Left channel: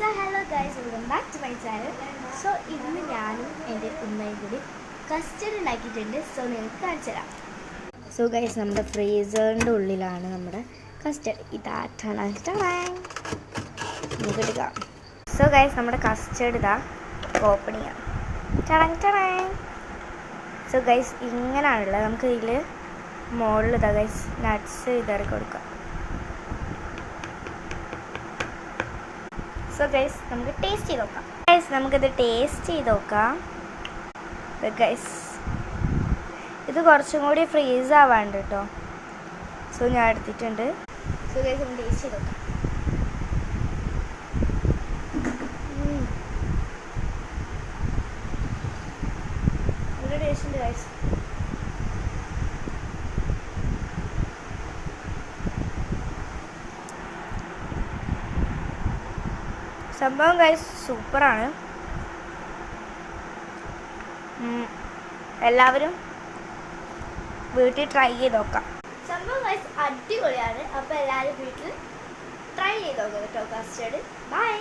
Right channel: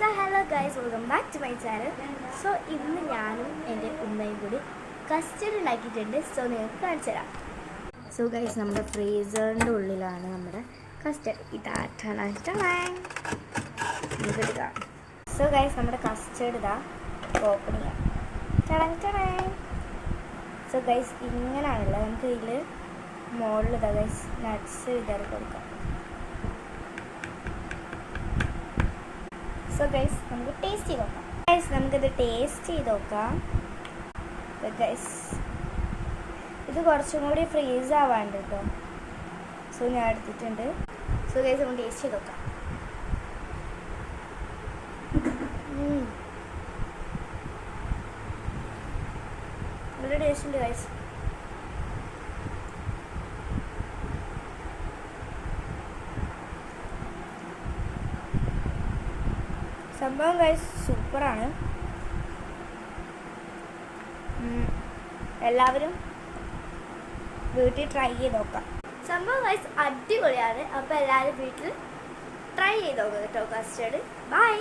So hello guys, welcome back to my channel. So ഇന്ന് ഞാനും എൻ്റെ ഉമ്മയും കൂടി കസ്റ്റർഡ് ഉണ്ടാക്കിയിട്ടുണ്ട്. സോ നിങ്ങൾക്ക് കാണിച്ചു തരാം. സോ ഗൈസ്, നമ്മുടെ ഫ്രീസറിൻ്റെ ഉള്ളിലാണ് നമ്മുടെ കസ്റ്റർഡ്. ഇതാ നമുക്ക് എടുക്കാം. സോ ഗൈസ്, നമ്മുടെ കസ്റ്റർഡ് ഇതാ ഓപ്പൺ ചെയ്യാം. സോ ഗൈസ്, ഇങ്ങനെയാണുള്ളത്. നമുക്ക് ഇതിൽ മുകളിൽ ഇതാ ഗൈസ് നട്ട്സ് ഇതറി കൊടുക്കാം. സോ ഗൈസ്, നമുക്ക് ടേസ്റ്റ് ചെയ്ത് നോക്കാം. ഗൈസ്, നമുക്കിത് ടേസ്റ്റ് ചെയ്ത് നോക്കാം. ഗൈസ്, ഇത് കുറച്ചും കൂടി ഫ്രീസ് ആവാണ്ട് കേട്ടോ. സോ ഞാൻ എടുത്തിട്ടുണ്ട്. സോ ഗൈസ്, നമുക്ക് ടേസ്റ്റ് ചെയ്ത് നോക്കാം. നല്ല ടേസ്റ്റ് ഉണ്ട് ഗൈസ്. സംഭവം ഗൈസ് സൂപ്പറാണ്. എല്ലാവരും വീട്ടിൽ ട്രൈ ചെയ്ത് നോക്കാം. സംഭവം ഗൈസ് അടിപൊളിയാണ്. അപ്പോൾ എല്ലാവരും വീട്ടിൽ ട്രൈ ചെയ്ത് നോക്കാം കേട്ടോ കസ്റ്റർഡ്. ബൈ.